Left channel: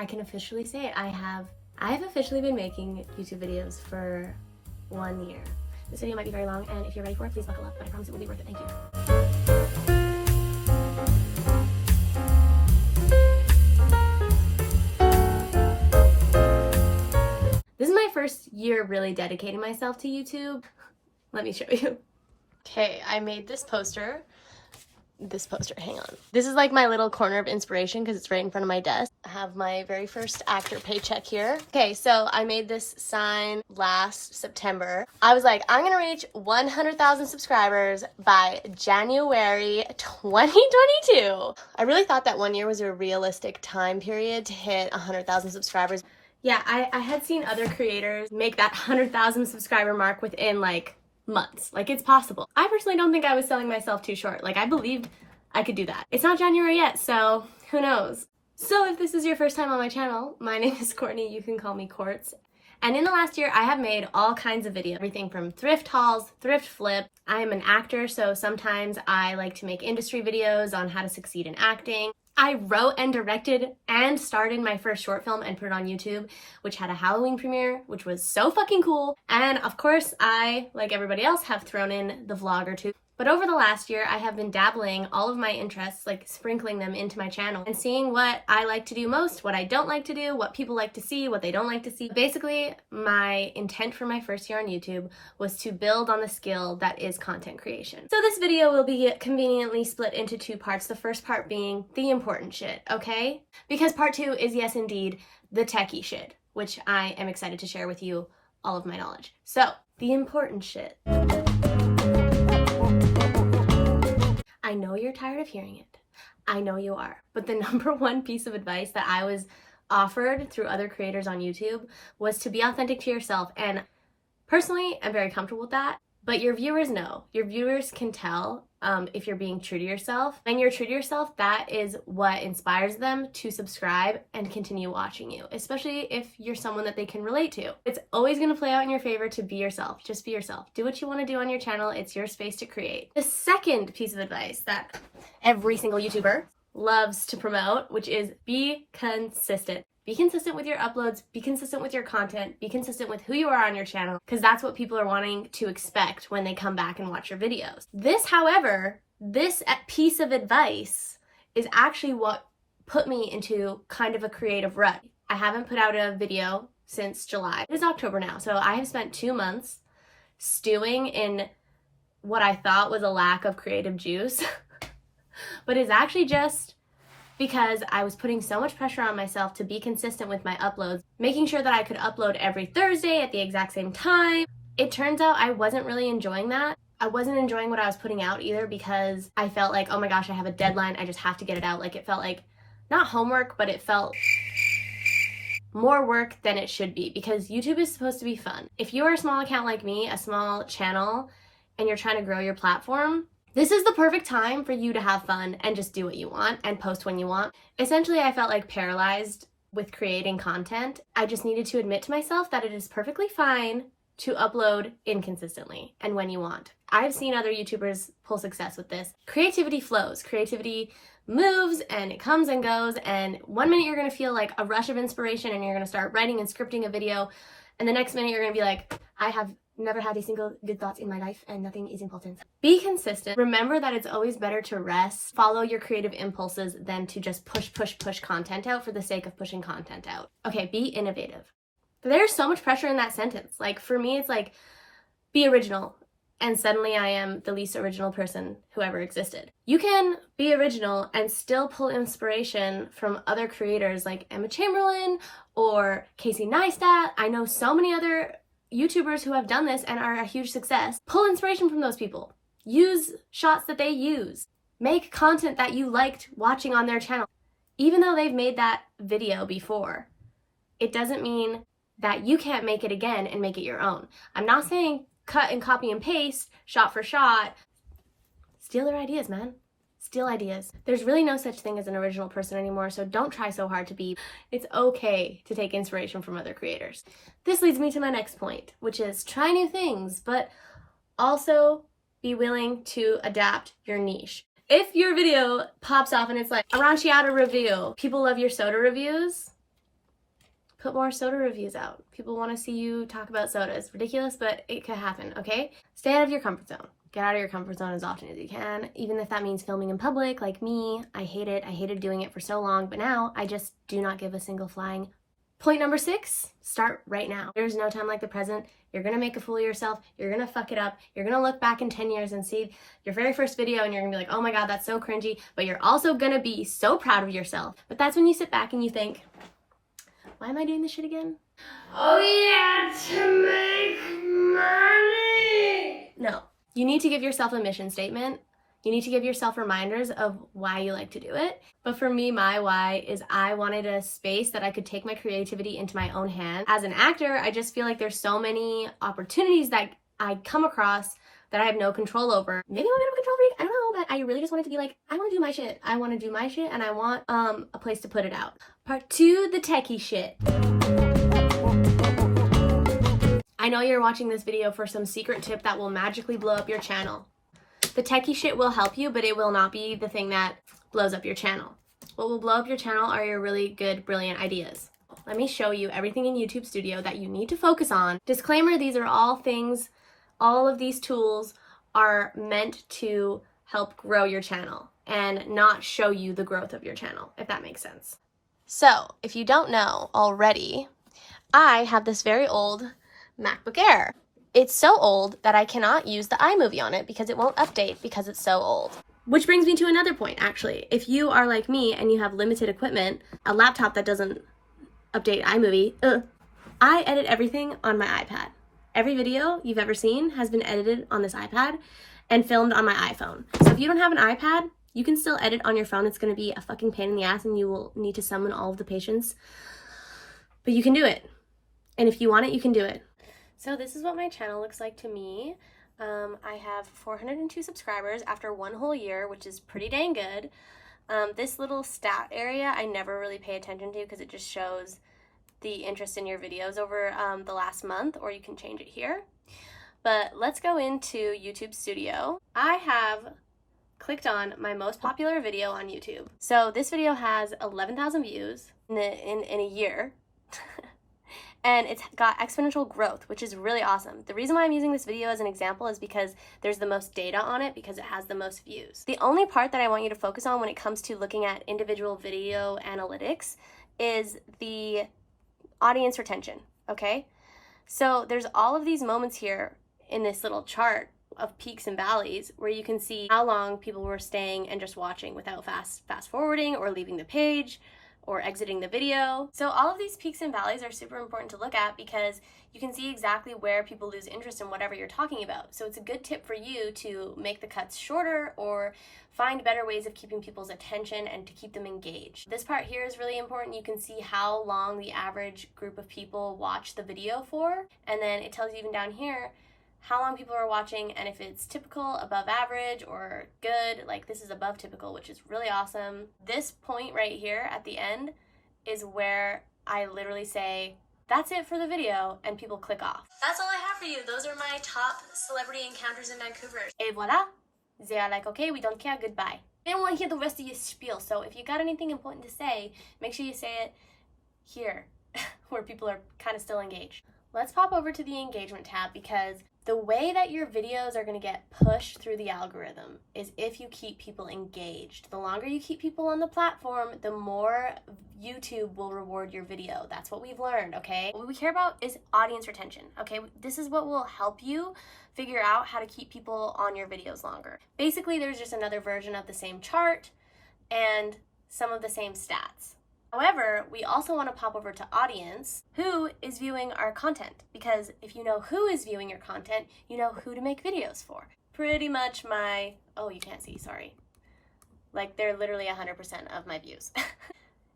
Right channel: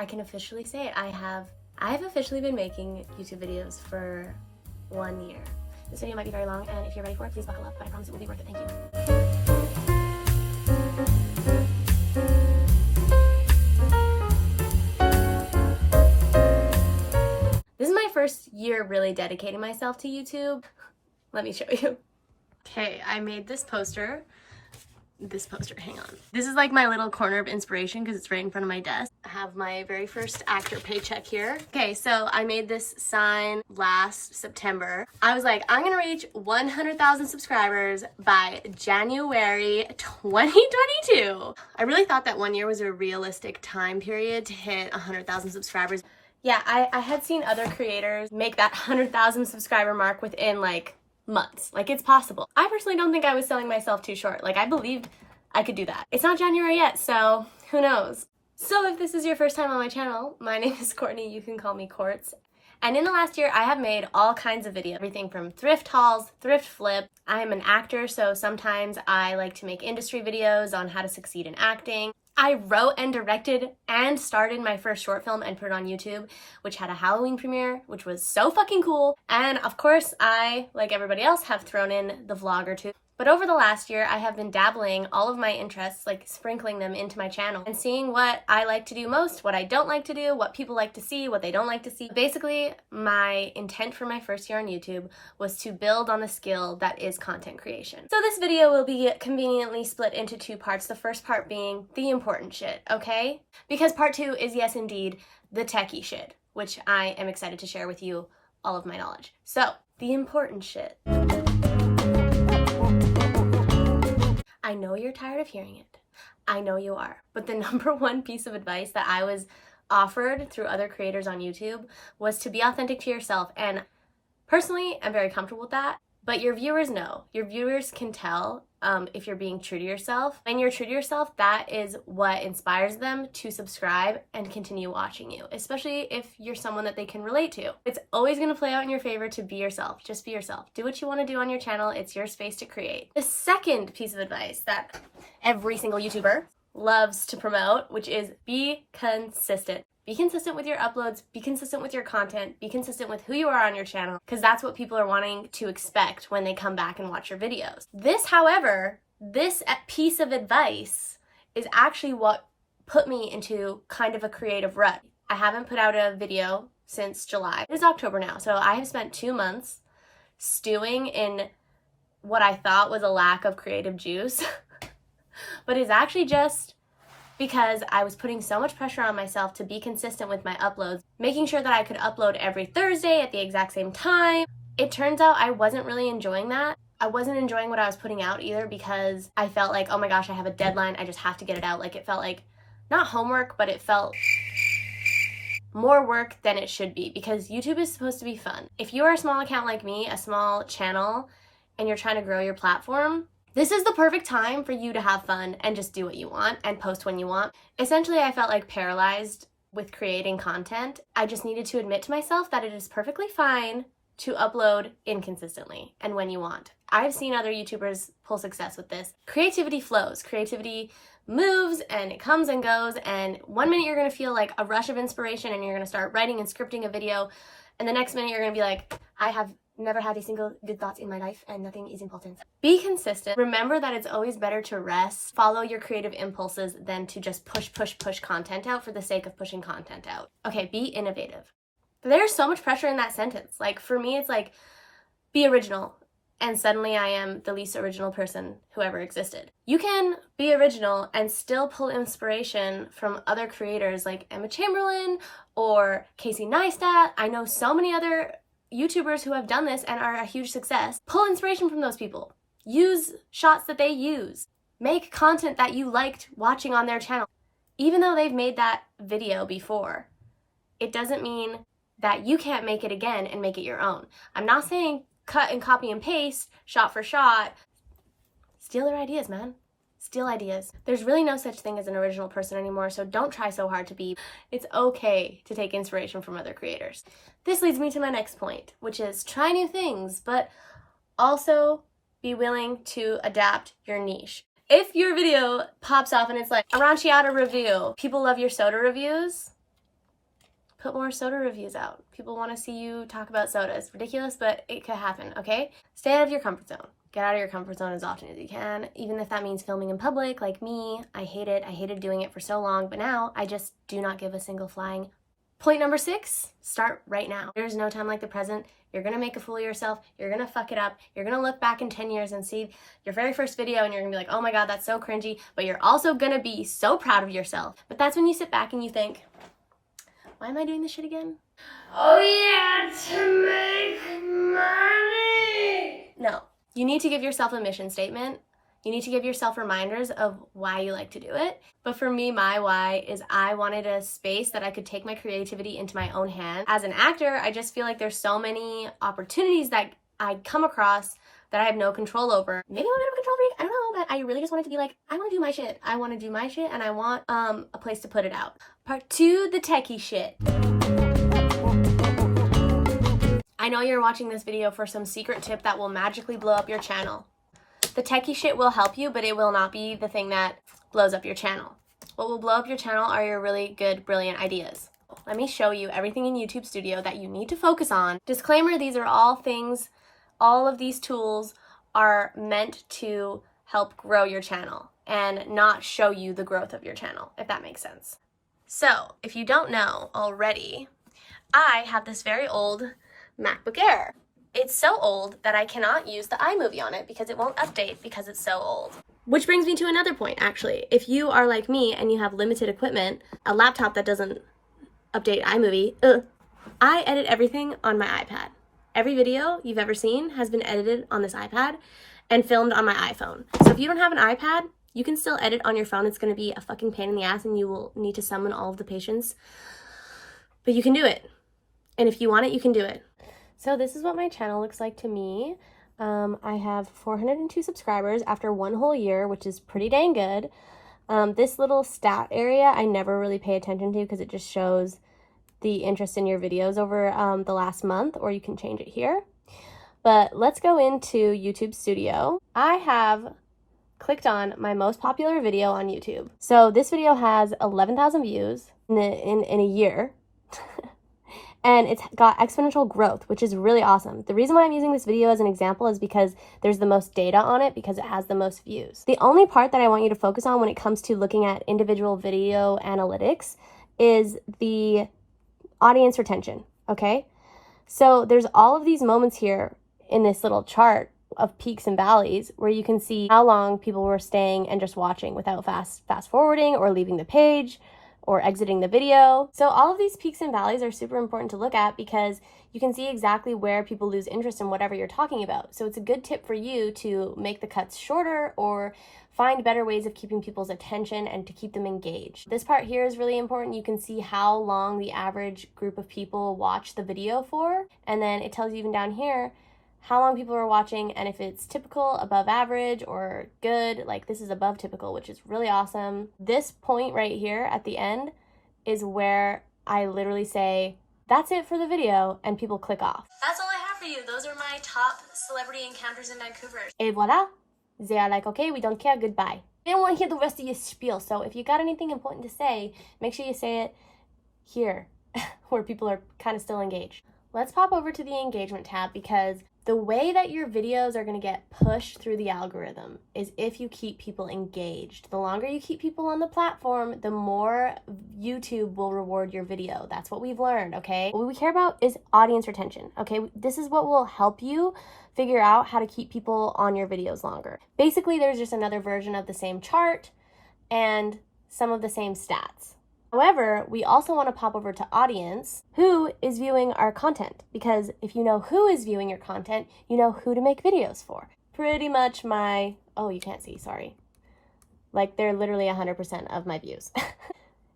I can officially say it. I have officially been making YouTube videos for 1 year. This video might be very long, and if you're ready for it, please buckle up, but I promise it will be worth it. Thank you. This is my first year really dedicating myself to YouTube. Let me show you. Okay, I made this poster. Hang on. This is like my little corner of inspiration because it's right in front of my desk. I have my very first actor paycheck here. Okay, so I made this sign last September. I was like, I'm gonna reach 100,000 subscribers by January 2022. I really thought that 1 year was a realistic time period to hit 100,000 subscribers. Yeah, I had seen other creators make that 100,000 subscriber mark within like months. Like, it's possible. I personally don't think I was selling myself too short. Like, I believed I could do that. It's not January yet, so who knows? So if this is your first time on my channel, my name is Courtney. You can call me Courts. And in the last year, I have made all kinds of videos, everything from thrift hauls, thrift flip. I am an actor, so sometimes I like to make industry videos on how to succeed in acting. I wrote and directed and starred in my first short film and put it on YouTube, which had a Halloween premiere, which was so fucking cool. And of course, I, like everybody else, have thrown in the vlog or two. But over the last year, I have been dabbling all of my interests, like sprinkling them into my channel and seeing what I like to do most, what I don't like to do, what people like to see, what they don't like to see. Basically, my intent for my first year on YouTube was to build on the skill that is content creation. So this video will be conveniently split into two parts. The first part being the important shit, okay? Because part two is, yes, indeed, the techie shit, which I am excited to share with you all of my knowledge. So, the important shit. I know you're tired of hearing it. I know you are. But the number one piece of advice that I was offered through other creators on YouTube was to be authentic to yourself. And personally, I'm very comfortable with that. But your viewers know. Your viewers can tell if you're being true to yourself. When you're true to yourself, that is what inspires them to subscribe and continue watching you, especially if you're someone that they can relate to. It's always going to play out in your favor to be yourself. Just be yourself. Do what you want to do on your channel. It's your space to create. The second piece of advice that every single YouTuber loves to promote, which is be consistent. Be consistent with your uploads, be consistent with your content, be consistent with who you are on your channel, because that's what people are wanting to expect when they come back and watch your videos. This, however, this piece of advice is actually what put me into kind of a creative rut. I haven't put out a video since July. It is October now, so I have spent 2 months stewing in what I thought was a lack of creative juice, but it's actually just because I was putting so much pressure on myself to be consistent with my uploads, making sure that I could upload every Thursday at the exact same time. It turns out I wasn't really enjoying that. I wasn't enjoying what I was putting out either because I felt like, oh my gosh, I have a deadline, I just have to get it out. Like, it felt like, not homework, but it felt more work than it should be, because YouTube is supposed to be fun. If you are a small account like me, a small channel, and you're trying to grow your platform, this is the perfect time for you to have fun and just do what you want and post when you want. Essentially, I felt like paralyzed with creating content. I just needed to admit to myself that it is perfectly fine to upload inconsistently and when you want. I've seen other YouTubers pull success with this. Creativity flows. Creativity moves and it comes and goes, and 1 minute you're gonna feel like a rush of inspiration and you're gonna start writing and scripting a video, and the next minute you're gonna be like, I have never had a single good thought in my life and nothing is important. Be consistent. Remember that it's always better to rest, follow your creative impulses than to just push content out for the sake of pushing content out. Okay, be innovative. There's so much pressure in that sentence. Like, for me, it's like, be original. And suddenly I am the least original person who ever existed. You can be original and still pull inspiration from other creators like Emma Chamberlain or Casey Neistat. I know so many other YouTubers who have done this and are a huge success. Pull inspiration from those people. Use shots that they use. Make content that you liked watching on their channel. Even though they've made that video before, it doesn't mean that you can't make it again and make it your own. I'm not saying cut and copy and paste, shot for shot. Steal their ideas, man. Steal ideas. There's really no such thing as an original person anymore, so don't try so hard to be. It's okay to take inspiration from other creators. This leads me to my next point, which is try new things, but also be willing to adapt your niche. If your video pops off and it's like a Aranciata review, people love your soda reviews, Put more soda reviews out. People want to see you talk about soda. It's ridiculous, but it could happen, okay? Stay out of your comfort zone. Get out of your comfort zone as often as you can, even if that means filming in public, like me. I hate it. I hated doing it for so long, but now I just do not give a single flying. Point number 6, start right now. There's no time like the present. You're gonna make a fool of yourself. You're gonna fuck it up. You're gonna look back in 10 years and see your very first video and you're gonna be like, oh my God, that's so cringy. But you're also gonna be so proud of yourself. But that's when you sit back and you think, why am I doing this shit again? Oh yeah, to make money. No, you need to give yourself a mission statement. You need to give yourself reminders of why you like to do it. But for me, my why is I wanted a space that I could take my creativity into my own hands. As an actor, I just feel like there's so many opportunities that I come across that I have no control over. Maybe I'm a bit of a control freak, I don't know, but I really just wanted to be like, I want to do my shit. I want to do my shit and I want a place to put it out. Part 2, the techie shit. I know you're watching this video for some secret tip that will magically blow up your channel. The techie shit will help you, but it will not be the thing that blows up your channel. What will blow up your channel are your really good, brilliant ideas. Let me show you everything in YouTube Studio that you need to focus on. Disclaimer, these are all things, all of these tools are meant to help grow your channel and not show you the growth of your channel, if that makes sense. So, if you don't know already, I have this very old MacBook Air. It's so old that I cannot use the iMovie on it because it won't update because it's so old. Which brings me to another point, actually. If you are like me and you have limited equipment, a laptop that doesn't update iMovie, I edit everything on my iPad. Every video you've ever seen has been edited on this iPad and filmed on my iPhone. So if you don't have an iPad, you can still edit on your phone. It's going to be a fucking pain in the ass and you will need to summon all of the patience. But you can do it. And if you want it, you can do it. So this is what my channel looks like to me. I have 402 subscribers after 1 whole year, which is pretty dang good. This little stat area I never really pay attention to because it just shows the interest in your videos over the last month, or you can change it here. But let's go into YouTube Studio. I have clicked on my most popular video on YouTube. So this video has 11,000 views in a year. And it's got exponential growth, which is really awesome. The reason why I'm using this video as an example is because there's the most data on it because it has the most views. The only part that I want you to focus on when it comes to looking at individual video analytics is the audience retention, okay? So there's all of these moments here in this little chart of peaks and valleys where you can see how long people were staying and just watching without fast forwarding or leaving the page or exiting the video. So all of these peaks and valleys are super important to look at because you can see exactly where people lose interest in whatever you're talking about. So it's a good tip for you to make the cuts shorter or find better ways of keeping people's attention and to keep them engaged. This part here is really important. You can see how long the average group of people watch the video for, and then it tells you even down here how long people are watching and if it's typical, above average, or good. Like this is above typical, which is really awesome. This point right here at the end is where I literally say, that's it for the video, and people click off. That's all I have for you. Those are my top celebrity encounters in Vancouver. Et voila. They are like, okay, we don't care, goodbye. They don't want to hear the rest of your spiel, so if you got anything important to say, make sure you say it here, where people are kind of still engaged. Let's pop over to the engagement tab because the way that your videos are going to get pushed through the algorithm is if you keep people engaged. The longer you keep people on the platform, the more YouTube will reward your video. That's what we've learned, okay? What we care about is audience retention, okay? This is what will help you figure out how to keep people on your videos longer. Basically, there's just another version of the same chart and some of the same stats. However, we also want to pop over to audience, who is viewing our content, because if you know who is viewing your content, you know who to make videos for. Pretty much my, oh, you can't see, sorry. Like they're literally 100% of my views.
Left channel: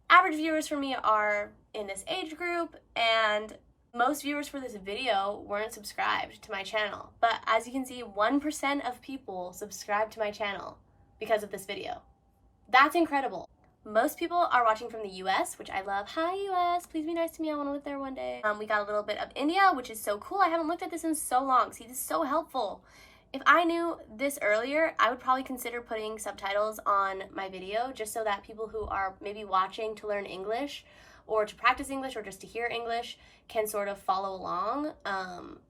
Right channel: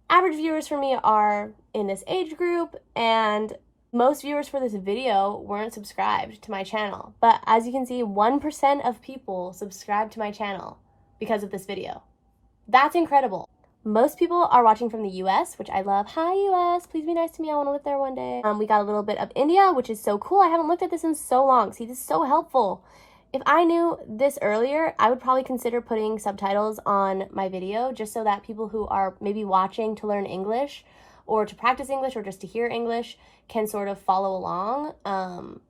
Average viewers for me are in this age group, and most viewers for this video weren't subscribed to my channel. But as you can see, 1% of people subscribed to my channel because of this video. That's incredible. Most people are watching from the US, which I love. Hi US, please be nice to me. I want to live there one day. We got a little bit of India, which is so cool. I haven't looked at this in so long. See, this is so helpful. If I knew this earlier, I would probably consider putting subtitles on my video just so that people who are maybe watching to learn English or to practice English or just to hear English can sort of follow along.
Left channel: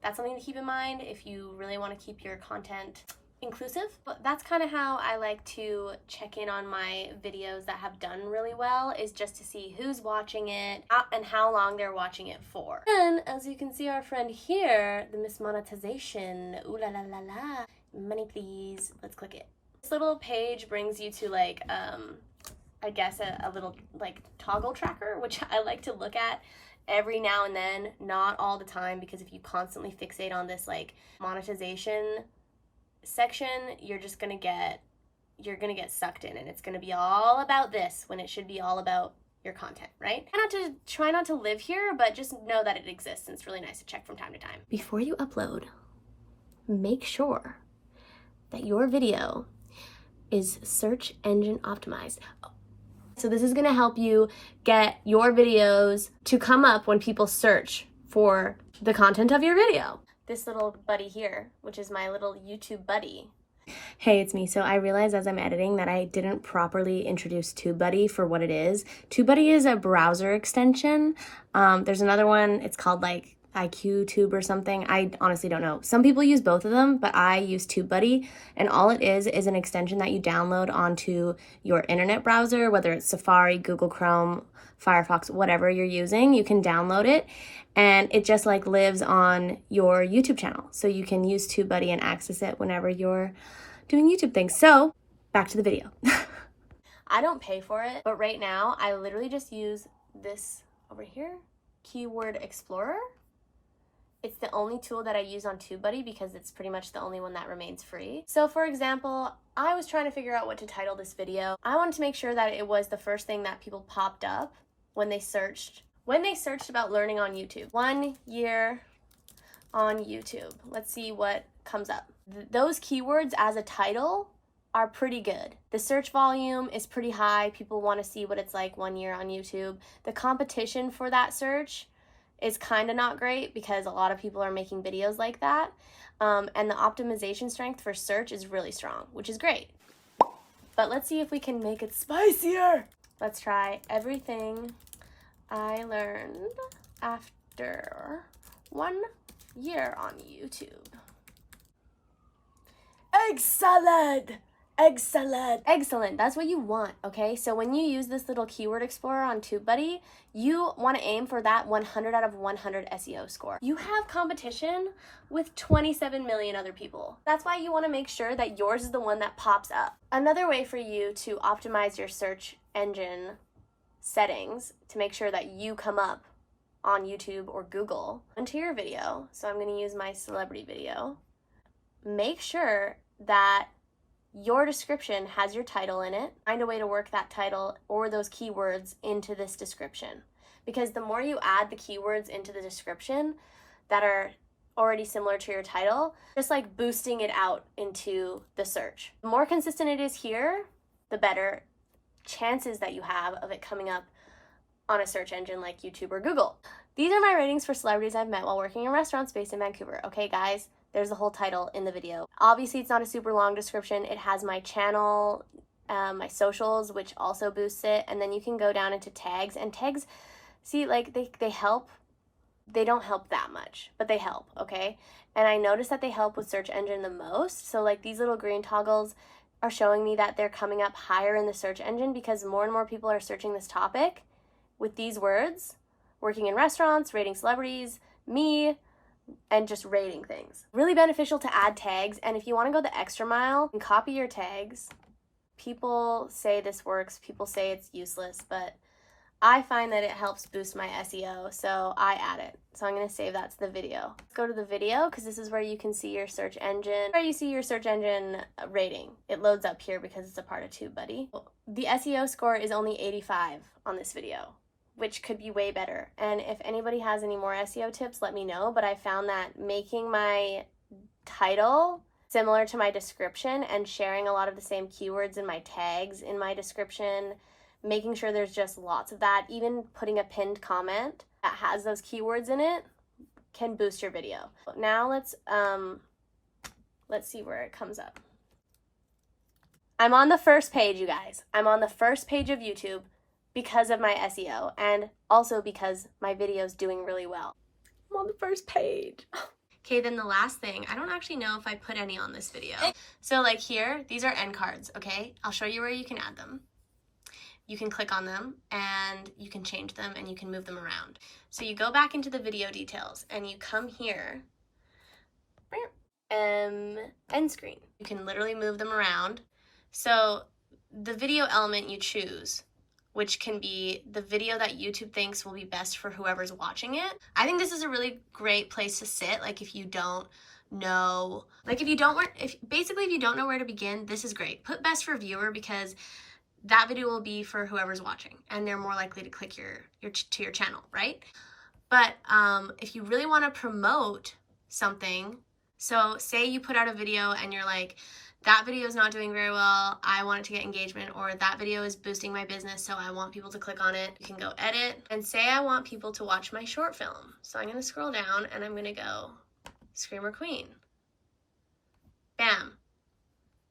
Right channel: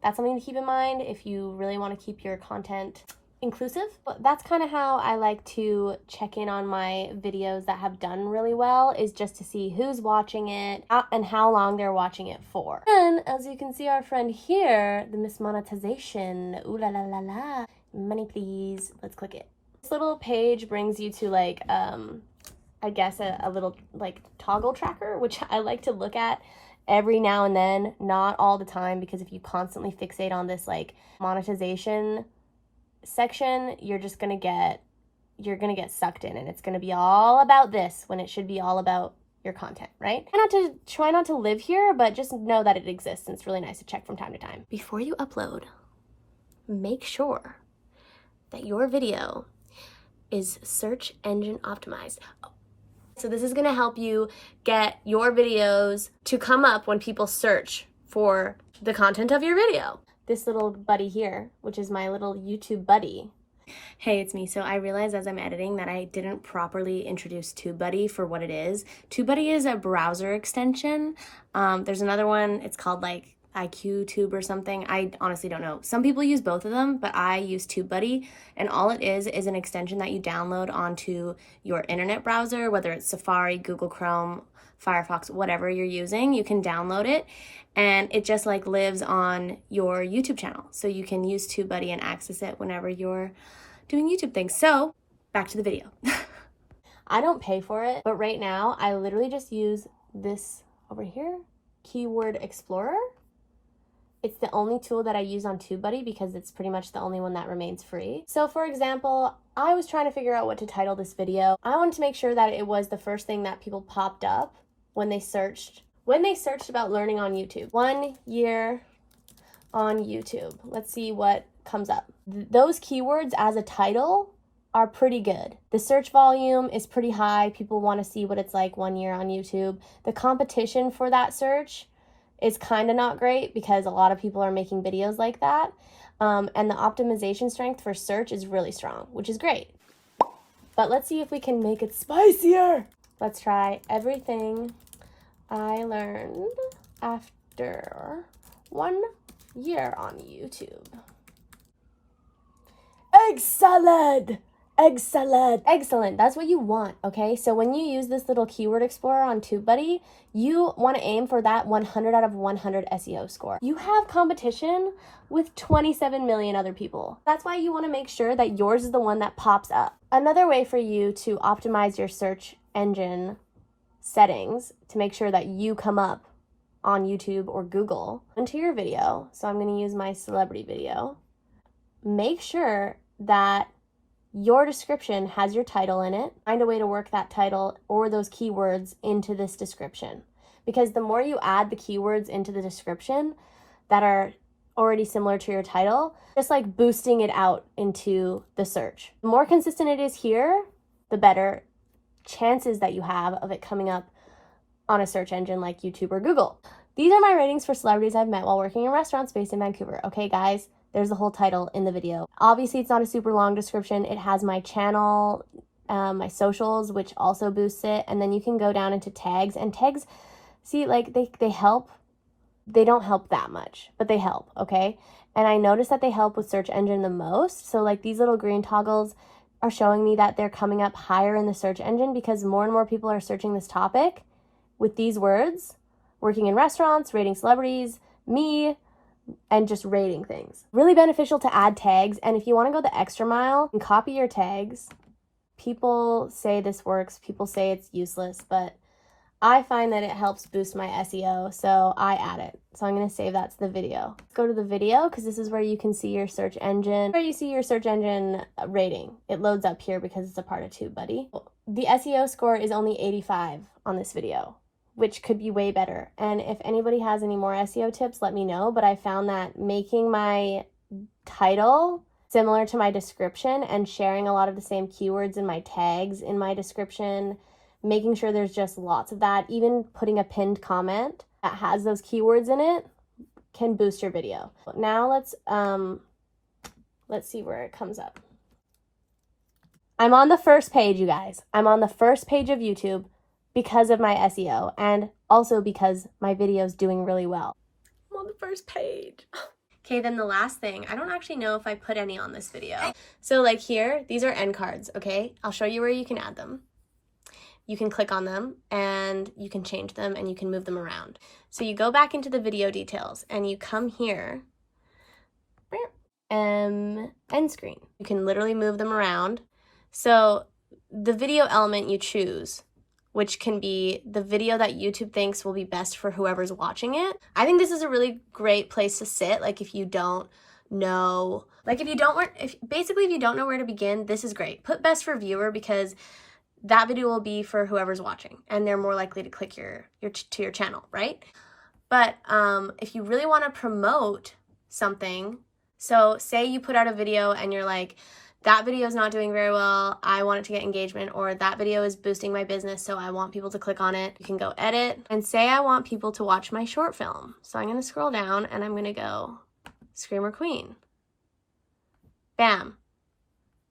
That's something to keep in mind if you really want to keep your content inclusive. But that's kind of how I like to check in on my videos that have done really well, is just to see who's watching it and how long they're watching it for. And as you can see, our friend here, the Miss Monetization, ooh la la la la, money please, let's click it. This little page brings you to like, I guess a little like toggle tracker, which I like to look at every now and then, not all the time, because if you constantly fixate on this like monetization section, you're gonna get sucked in, and it's gonna be all about this when it should be all about your content, right? Try not to live here, but just know that it exists, and it's really nice to check from time to time. Before you upload, make sure that your video is search engine optimized. So this is gonna help you get your videos to come up when people search for the content of your video. This little buddy here, which is my little YouTube buddy. Hey, it's me. So I realized as I'm editing that I didn't properly introduce TubeBuddy for what it is. TubeBuddy is a browser extension. There's another one, it's called like IQTube or something. I honestly don't know. Some people use both of them, but I use TubeBuddy, and all it is an extension that you download onto your internet browser, whether it's Safari, Google Chrome, Firefox, whatever you're using, you can download it, and it just like lives on your YouTube channel. So you can use TubeBuddy and access it whenever you're doing YouTube things. So back to the video. I don't pay for it, but right now I literally just use this over here, Keyword Explorer. It's the only tool that I use on TubeBuddy because it's pretty much the only one that remains free. So for example, I was trying to figure out what to title this video. I wanted to make sure that it was the first thing that people popped up when they searched about learning on YouTube. 1 year on YouTube. Let's see what comes up. Those keywords as a title are pretty good. The search volume is pretty high. People want to see what it's like 1 year on YouTube. The competition for that search is kind of not great because a lot of people are making videos like that. And the optimization strength for search is really strong, which is great. But let's see if we can make it spicier. Let's try everything I learned after 1 year on YouTube. Egg salad! Excellent. Excellent. That's what you want, okay? So when you use this little keyword explorer on TubeBuddy, you want to aim for that 100 out of 100 SEO score. You have competition with 27 million other people. That's why you want to make sure that yours is the one that pops up. Another way for you to optimize your search engine settings to make sure that you come up on YouTube or Google into your video. So I'm going to use my celebrity video. Make sure that your description has your title in it. Find a way to work that title or those keywords into this description. Because the more you add the keywords into the description that are already similar to your title, just like boosting it out into the search. The more consistent it is here, the better chances that you have of it coming up on a search engine like YouTube or Google. These are my ratings for celebrities I've met while working in restaurants based in Vancouver. Okay, guys? There's the whole title in the video. Obviously, it's not a super long description. It has my channel, my socials, which also boosts it. And then you can go down into tags. And tags, see, like they help. They don't help that much, but they help, okay? And I noticed that they help with search engine the most. So like these little green toggles are showing me that they're coming up higher in the search engine because more and more people are searching this topic with these words, working in restaurants, rating celebrities, me, and just rating things. Really beneficial to add tags, and if you want to go the extra mile and copy your tags, people say this works, people say it's useless, but I find that it helps boost my SEO, so I add it. So I'm going to save that to the video. Let's go to the video because this is where you can see your search engine, where you see your search engine rating. It loads up here because it's a part of TubeBuddy. The SEO score is only 85 on this video, which could be way better. And if anybody has any more SEO tips, let me know. But I found that making my title similar to my description and sharing a lot of the same keywords in my tags in my description, making sure there's just lots of that, even putting a pinned comment that has those keywords in it can boost your video. Now let's see where it comes up. I'm on the first page, you guys. I'm on the first page of YouTube. because of my SEO and also because my video's doing really well. I'm on the first page. Okay, then the last thing, I don't actually know if I put any on this video. So like here, these are end cards, okay? I'll show you where you can add them. You can click on them and you can change them and you can move them around. So you go back into the video details and you come here, end screen. You can literally move them around. So the video element you choose, which can be the video that YouTube thinks will be best for whoever's watching it. I think this is a really great place to sit. Like if you don't know, like if you don't know where to begin, this is great. Put best for viewer because that video will be for whoever's watching and they're more likely to click to your channel, right? But if you really want to promote something, so say you put out a video and you're like, that video is not doing very well, I want it to get engagement, or that video is boosting my business, so I want people to click on it. You can go edit and say I want people to watch my short film. So I'm gonna scroll down and I'm gonna go Screamer Queen. Bam,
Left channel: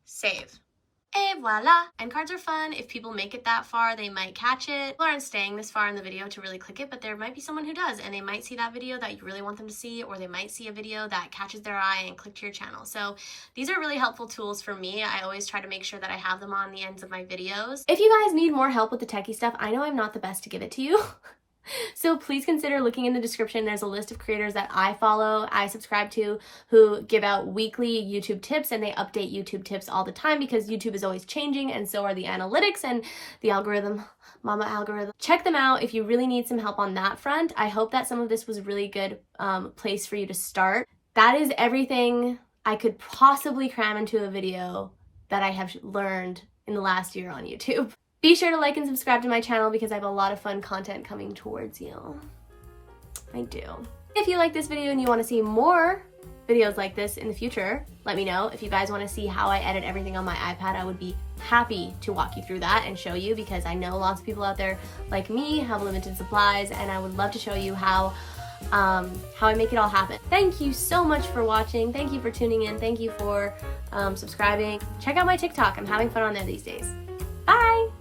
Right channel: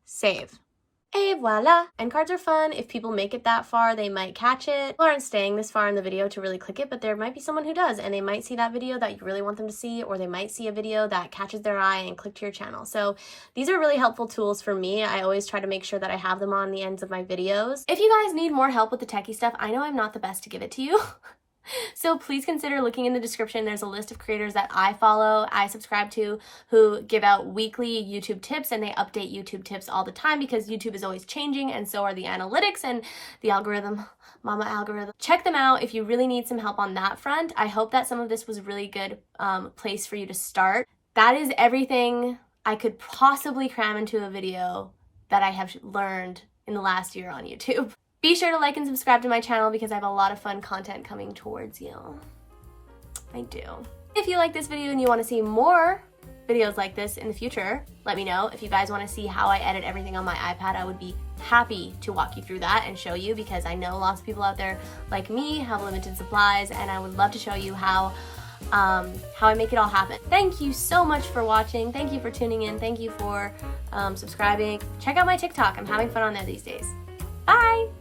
save. Et voila! End cards are fun. If people make it that far, they might catch it. People aren't staying this far in the video to really click it, but there might be someone who does, and they might see that video that you really want them to see, or they might see a video that catches their eye and click to your channel. So these are really helpful tools for me. I always try to make sure that I have them on the ends of my videos. If you guys need more help with the techie stuff, I know I'm not the best to give it to you. So please consider looking in the description. There's a list of creators that I follow, I subscribe to, who give out weekly YouTube tips, and they update YouTube tips all the time because YouTube is always changing and so are the analytics and the algorithm, mama algorithm. Check them out if you really need some help on that front. I hope that some of this was a really good place for you to start. That is everything I could possibly cram into a video that I have learned in the last year on YouTube. Be sure to like and subscribe to my channel because I have a lot of fun content coming towards you. I do. If you like this video and you want to see more videos like this in the future, let me know. If you guys want to see how I edit everything on my iPad, I would be happy to walk you through that and show you, because I know lots of people out there like me have limited supplies, and I would love to show you how I make it all happen. Thank you so much for watching. Thank you for tuning in. Thank you for subscribing. Check out my TikTok. I'm having fun on there these days. Bye!